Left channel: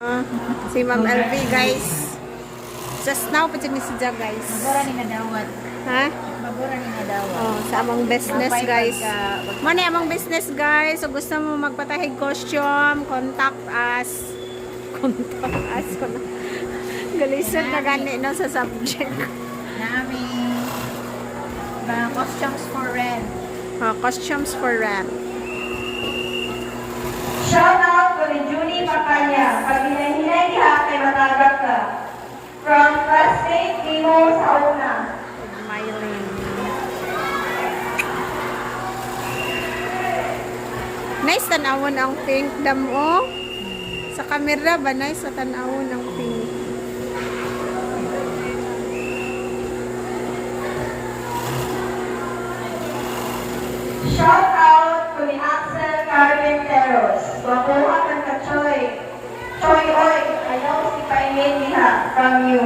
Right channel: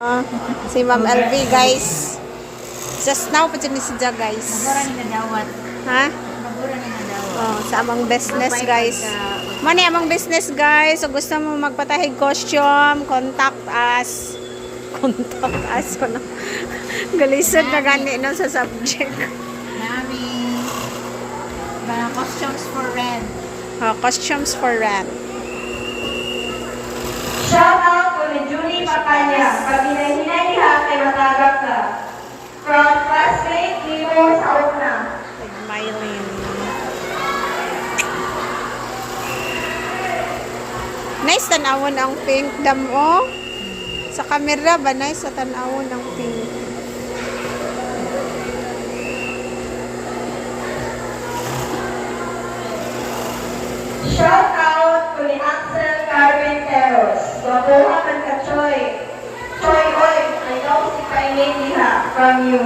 Si Ma'am LV guys. Just now pa dyan ni si Ja guys. Magura ni nadawat. Ha? Magura ni nadawat. Oh, sa amang business guys. Mani amang business guys. So gusto mo magpatahig costume, contact us. Contact us. Ano? Galisod na gani no sa subject. Nami. Mga costumes for rent. Oh, costumes for rent. Shout out ko ni Julie Macaya. Pag hinay-hinay ka, kay matagap ka. From classmate, Mimo sa una. With Mylene. Nice tanawon ang pink damo. Sa camera ba nice sa tanawon ang pink. Shout out ko ni Axel Carmen Teros. Babuha ng ka Choy. Choy, oy, I know si Paingin niya from you.